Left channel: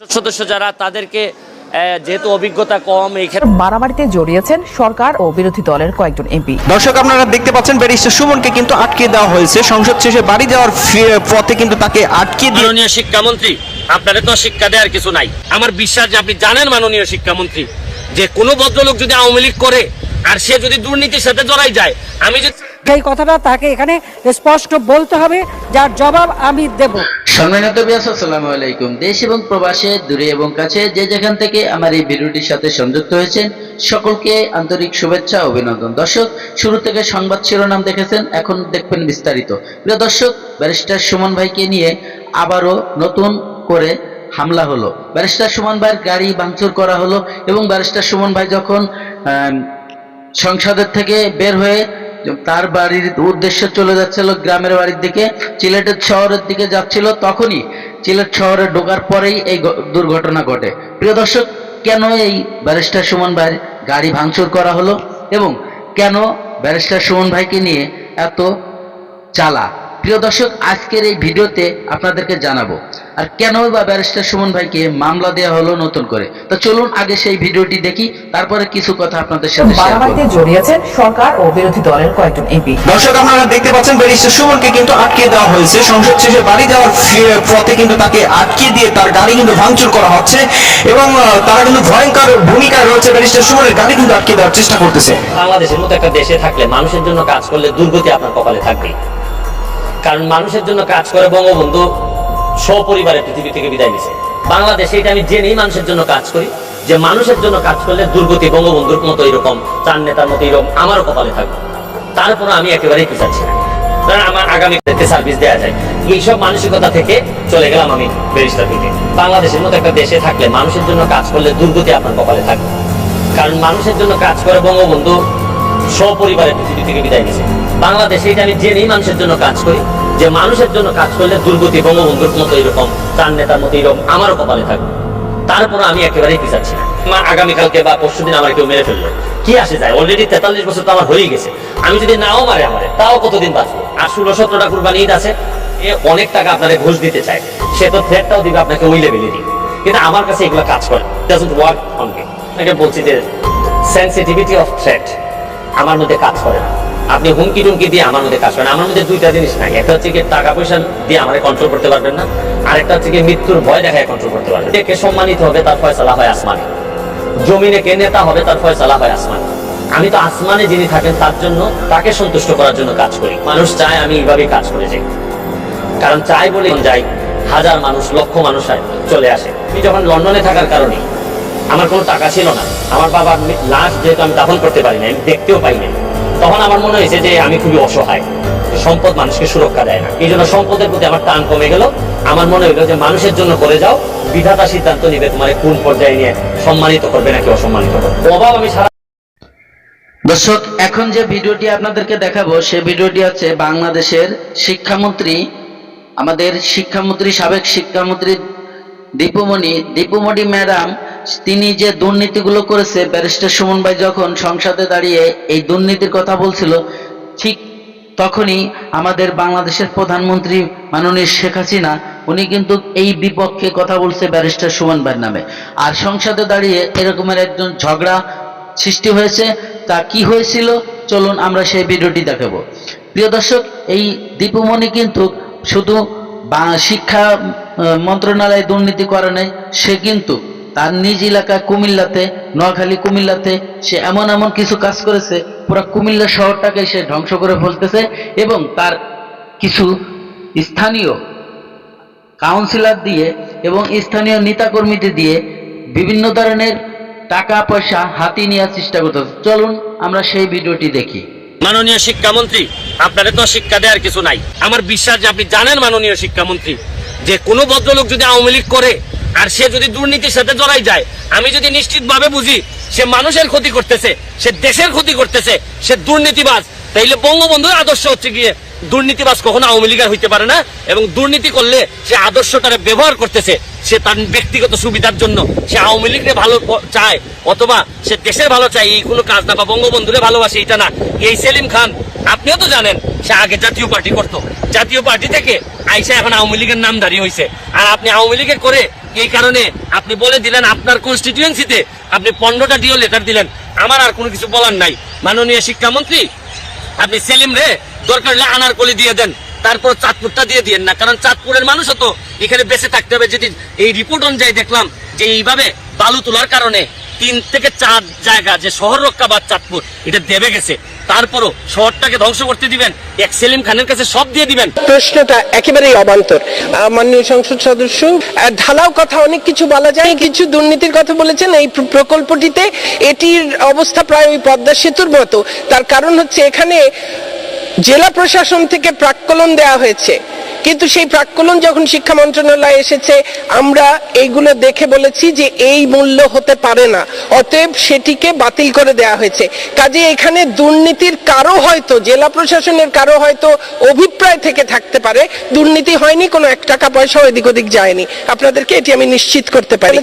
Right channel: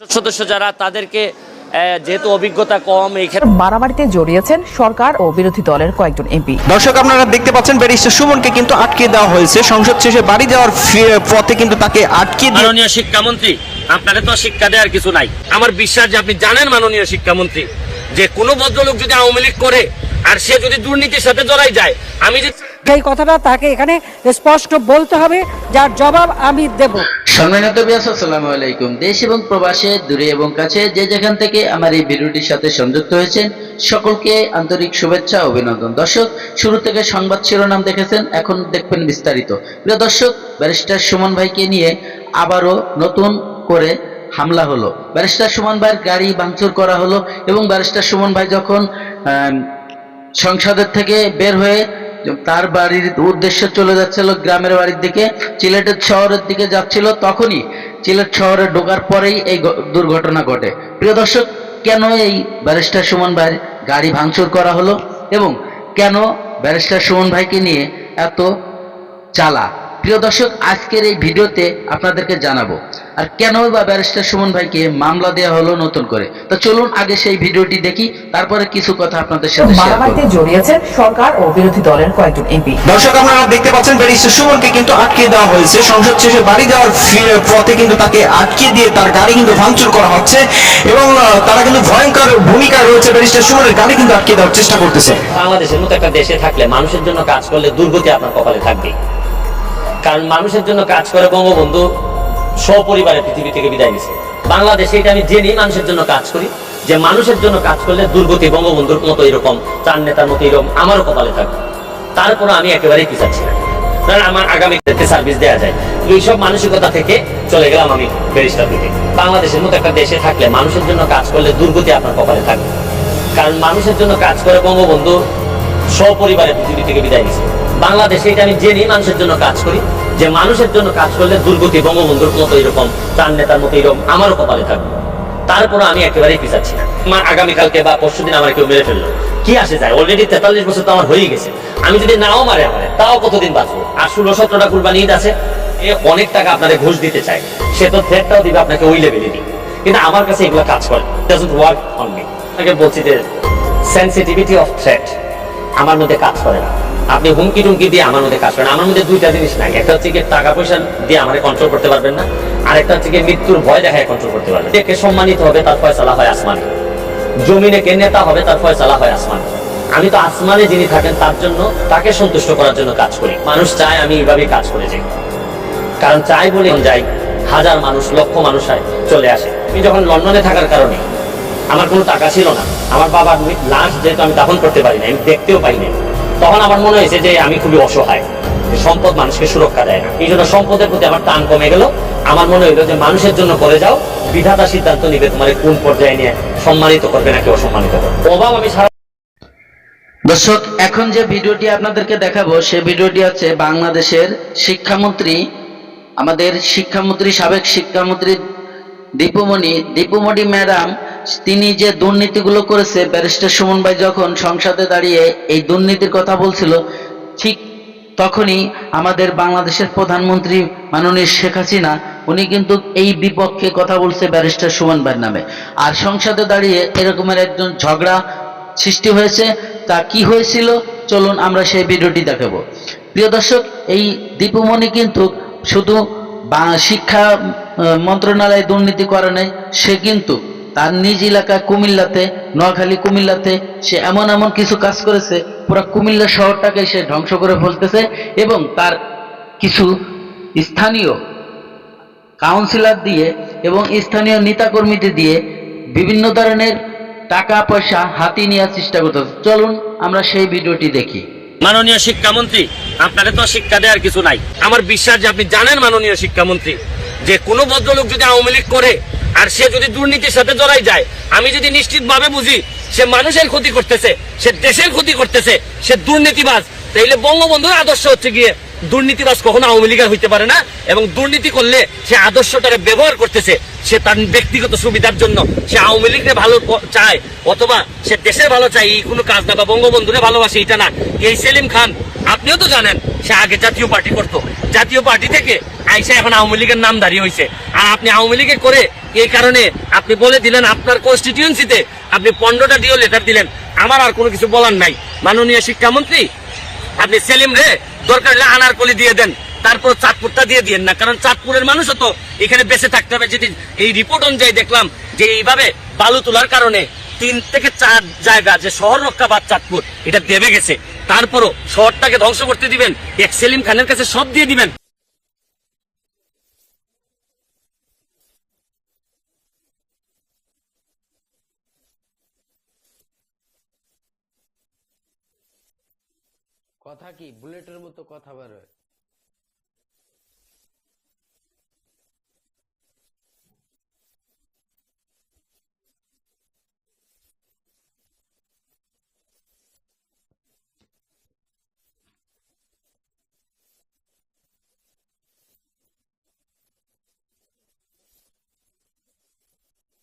সদস্য যারা তাদেরকে যেহেতু অভিজ্ঞতা কম এই ক্ষেত্রে মারামারিতে জড়িয়েছেন সরকার ও বিরোধী দলের কয়েকজন এমপি। দর্শক আপনারা দেখতে পাচ্ছেন ব্যারিস্টার সুমনকে কিন্তু আটকে দেওয়া হয়েছে। সংসদ শেষে বাড়ি যাওয়ার পথে কিন্তু তাকে আটকে দিয়ে মাননীয় শিক্ষামন্ত্রী আপনারা তো শিক্ষা দেওয়ার কিছু নাই। আমার বিশ্বাস যে আপনি জানেন মাননীয় শিক্ষামন্ত্রী যে কোনো ভদ্রলোক যদি আওয়ামী লীগ করে আর সে যদি দুর্নীতির সাথে জড়াই যায় আমি যদি এই কথাটা তাকে এখানে স্পষ্ট বলতে হবে যার জবাব আমি দেব। সম্মানিত আসসালামু আলাইকুম। দেশ এবং প্রবাসে, দূরে এবং কাছে যে যেখান থেকে আমার এই ভিডিওটির সাথে সংযুক্ত হয়েছেন, সকলকে আন্তরিক শুভেচ্ছা, অভিনন্দন। দর্শক, শুরু থেকে সংবাদ শিরোনাম দেখেছেন, এখন দেখবেন বিস্তারিত। প্রিয় দর্শক, ব্যারিস্টার সুমন ভাইকে নিয়ে আবারও নতুন করে হামলা হলো। ব্যারিস্টার সুমন ভাইয়ের গাড়ি ভাঙচুর করা হলো এবং ব্যারিস্টার সুমন ভাই যখন সংসদের থেকে বের হয়ে তার বাড়ির উদ্দেশ্যে চলে যাচ্ছিল গ্রামের বাড়ির দিকে। সিলেটের শহরের দিকে যাচ্ছিল তখনই। সিলেট শহরে ঢোকার পরেই এই দুর্ঘটনা ঘটে। প্রিয় দর্শক, কেন এই ব্যারিস্টার সুমন ভাই গাড়ি ভাঙচুর করা হলো এবং কেন ব্যারিস্টার সুমন ভাইকে নিয়ে এত চালা? প্রিয় দর্শক আজকের এই ভিডিওতে আপনাদেরকে জানাব আর কেন বা ব্যারিস্টার সুমন ভাইকে মামলা দেওয়া হলো নতুন করে? তো চলুন আগে সেই ভিডিওটি দেখি তারপরে কিছু কথা আপনাদের সাথে শেয়ার মারামারিতে করব জড়িয়েছেন সরকার ও বিরোধী দলের কয়েকজন এমপি। দর্শক আপনারা দেখতে পাচ্ছেন ব্যারিস্টার সুমনকে কিন্তু আটকে দেওয়া হয়েছে। সংসদ শেষে বাড়ি যাওয়ার পথে কিন্তু তাকে আটকে দিয়ে তার গাড়ি কিন্তু ভাঙচুর করা হচ্ছে এবং তারা কিন্তু ভয়ঙ্কর ভূমিকায় রয়েছে ব্যারিস্টার সুমনের গাড়ি কিন্তু আটকে দেওয়ার চেষ্টা করতেছে। বাংলাদেশের মতো একটা দেশে থাকলে মানুষের জন্য কাজ করলে দুর্গতি আপনার কপালে থাকবে কারণ মানুষের জন্য কাজ করে বঙ্গবন্ধু সপরিবারে পৃথিবী থেকে বিদায় নিছে। বাংলাদেশে এটা আমি জেনেই মানুষের জন্য কাজ করি, যে মানুষের জন্য কাজ করলে দুর্গতি বঙ্গবন্ধুর মতো এরকম, চার নেতার মতো এরকম, আমারও কপালে থাকবে। তারপরে আমি একেবারেই পিছাচ্ছি না। কারণ আমার আগামীদেরকে সার্ভিস দেওয়া যায়। এইসব মানসিকতা থেকে চলে গেলাম আমি ব্যারিস্টার দিকে বাংলাদেশের মতো একটা দেশে থাকলে মানুষের জন্য কাজ করলে দুর্গতি আপনার কপালে থাকবে। কারণ মানুষের জন্য কাজ করে বঙ্গবন্ধু সপরিবারে পৃথিবী থেকে বিদায় নিছে। বাংলাদেশে এটা আমি জেনেই মানুষের জন্য কাজ করি, যে মানুষের জন্য কাজ করলে দুর্গতি বঙ্গবন্ধুর মতো এরকম চার নেতার মতো এরকম, আমারও কপালে থাকবে। তারপরে আমি একেবারেই পিছাচ্ছি না। আমার আগামীকালকে বা পরশু দিন আমার কেউ মেরে ফেলল। কি আসে যায়? অলরেডি তেতাল্লিশ বছর তো আমার হয়েই গেছে। আমি যদি নাও মারে আমারে, তাও কতদিন বাঁচবো? আর ষোলো, সতেরোটা কুরবানি ঈদ আছে, এ অনেক টাকা আপনাদের ঘুষ দিতে চায়। সে তো থ্রেটটাও দিবে আপনাকে ওই লেভেলে দিবে কিন্তু আমার কাছে এগুলো কাজ করে ডাজন্ট ওয়ার্ক অন মি আপনাকে বলছি যে সেন্সিটিভিটি অফ থ্রেট আমার মধ্যে কাজ করে না। আপনি হুমকি টুমকি দিয়ে আমার মধ্যে কাজ করেন। আমার মধ্যে দুইটা জিনিস নাই। একটা হচ্ছে টাকা পয়সা দিয়ে আমার কন্ট্রোল করতে পারবেন না, আরেকটা হচ্ছে মৃত্যুর ভয় দেখায় কন্ট্রোল করতে পারবেন। কে সম্মানিত হবে তার ফয়সালা হয় আসমানে। জমিনে কে নেতা হবে তার ফয়সালা হয় আসমানে। আমি তো আসমানে যিনি থাকেন, তার জন্য তাকে সন্তুষ্ট করার জন্য কাজ করি। মানুষ চায় আমি এইভাবেই কাজ করে যাই। কারণ চাই বলে যাই হাজার মানুষ, লক্ষ মানুষ চলে আসে। আমি যখন লন্ডনে থাকার কারণে আমার কোনো টাকা ছিল না, আমার বাবার লাশ যেহেতু আমি দাফন করতে পারি না আমি দেখতেও পাই না তখন আমার মনে হয়েছে যে আমি খুবই অসহায়। সম্পদ মানুষকে সুরক্ষা দেয় না। এই জন্য সম্পদের প্রতি আমার টান কমে গেল। আমার মনে হইল যে মানুষের জন্য করে যাও, বিধাতা সিদ্ধান্ত নিবে তোমার কোন পর্যায়ে নিয়ে সম্মানিত করবে নাকি অসম্মানিত করবে। অভাব আমি সারা দর্শক, এখন যে ভিডিওটি আপনাদেরকে দেখাবো, সে ভিডিওটি হচ্ছে বাংলাদেশের শিক্ষামন্ত্রী, আমাদের শিক্ষামন্ত্রী, সাবেক শিক্ষামন্ত্রী দীপুমণি। দীপুমণি ম্যাডাম তিনি যে দুর্নীতিগুলো করেছে, ব্যারিস্টার সুমন ভাই যখন সংসদে দাঁড়িয়ে এই দুর্নীতির কথা বলছিল, ঠিক তখনই আমাদের বাংলাদেশের প্রধানমন্ত্রী মাননীয় শেখ হাসিনা, উনি কিন্তু এই বিপক্ষে কথা বলছে ব্যারিস্টার সুমন ভাইয়ের নামে। আর সংসদে দাঁড়িয়ে এরকমের একজন ঝগড়া সৃষ্টি হয়েছে, তা কি হয়েছিল? চলুন আমরা সেই ভিডিওটি দেখাবো। প্রিয় দর্শক, এই দীপুমণি কিন্তু শুধু শিক্ষা মন্ত্রণালয়ে দুর্নীতি করে নাই, সে কিন্তু তার নিজ এলাকা কুমিল্লাতে, নোয়াখালী কুমিল্লাতে সে এমন এমন কিছু কাজ করেছে, পুরো কুমিল্লা শহরটাকে সে ধ্বংস করে ফেলতেছে এবং তার কিছু স্থানীয় কাউন্সিলর দিয়ে এবং স্থানীয় নেতাকর্মীদের দিয়ে বিভিন্ন ধরনের টাকা, পয়সা হাতিয়ে নেওয়ার চেষ্টা করতেছে। চলুন আমরা সেই ভিডিওটি দেখি। মাননীয় শিক্ষামন্ত্রী আপনারা তো শিক্ষা দেওয়ার কিছু নাই। আমার বিশ্বাস যে আপনি জানেন মাননীয় শিক্ষামন্ত্রী, যে কোনো ভদ্রলোক যদি আওয়ামী লীগ করে আর সে যদি দুর্নীতির সাথে জড়াই যায়, আমি যদি নিশ্চিত ভাবে বুঝি সে মানুষের ক্ষতি করতেছে, সে দেশের ক্ষতি করতেছে, সে দুর্নীতিবাজ, তাইলে বঙ্গবন্ধুর আদর্শ হচ্ছে গিয়ে দুর্নীতিবাজ কখনো আওয়ামী লীগের হইতে পারে না, এবং দুর্নীতি করলে সে আদর্শটারে ব্যবহার করতেছে, সে তার ব্যক্তিগত সুবিধার জন্য। সে আওয়ামী লীগের ভালো চায়, অথবা সে দেশের ভালো চায়, এই কোনো কাজ না বা বঙ্গবন্ধুরে ভালোবাসে এটা না। এই সেলিম খান, আপনিও তো জানেন, সে আগে জাতীয় পার্টি করতো। জাতীয় পার্টি থেকে আইসা এখন আওয়ামী লীগের নাম দাঁড়িয়ে হয়েছে আর আপনি আওয়ামী লীগের করে এই কারণে আপনি বলে দিলেন আপনার কনস্টিটিউয়েন্সিতে আপনি পনেরোটা ডিও লেটার দিলেন। আমার আর কোনো কিছু বলার নাই। মাননীয় শিক্ষামন্ত্রী, আপনি সেলিম রে, দরকার হলে আনারকলি দিয়ে দেন। তারপর চাঁদপুরটা দিয়ে দিয়েন না, কারণ চাঁদপুরের মানুষও তো এখানে বেঁচে থাকতে হবে। যেটি এই রিপোর্ট অনুযায়ী দেখলাম যে এইভাবে বালু তোলার কারণে তিন থেকে চার জায়গা যে শহর রক্ষা বা চাঁদপুর, এটা দেবে গেছে। তারপরও শহরটাকে ধ্বংস করতে দিবেন, এক সেলিম খানের কাছে সব দিয়ে দিবেন। প্রশ্নটা একেবারেই অবান্তর। মাননীয় সংসদ সদস্য ঢালাও কথা অনেক কিছু বলা যায়, কিছু দুর্নীতির কথা বলেছেন। এই প্রকল্পটিতে এটির অবস্থা প্রায় ওই পদ্মা সেতুর মতো। তার কারণ হচ্ছে এখানে জেলা প্রশাসন থেকে প্রাক্কলন দেওয়া হয়েছে। কিন্তু সেই প্রাক্কলন যখন শিক্ষা মন্ত্রণালয় এসেছে, আমরা এইগুলো দেখে বলেছি যে এই মূল্য হতে পারে না। অতএব সেটিকে বাতিল করে দেয়া হয়েছে। কাজে এখানে দুর্নীতির কারও হয়তো, জেলা প্রশাসনের কারও হয়তো অভিপ্রায় থেকে থাকতে পারে। দুর্নীতি হয়নি, কোনো এক টাকা পয়সা এদিক ওদিক যায়নি। আপনাদেরকে এটি আমি নিশ্চিত করতে পারি।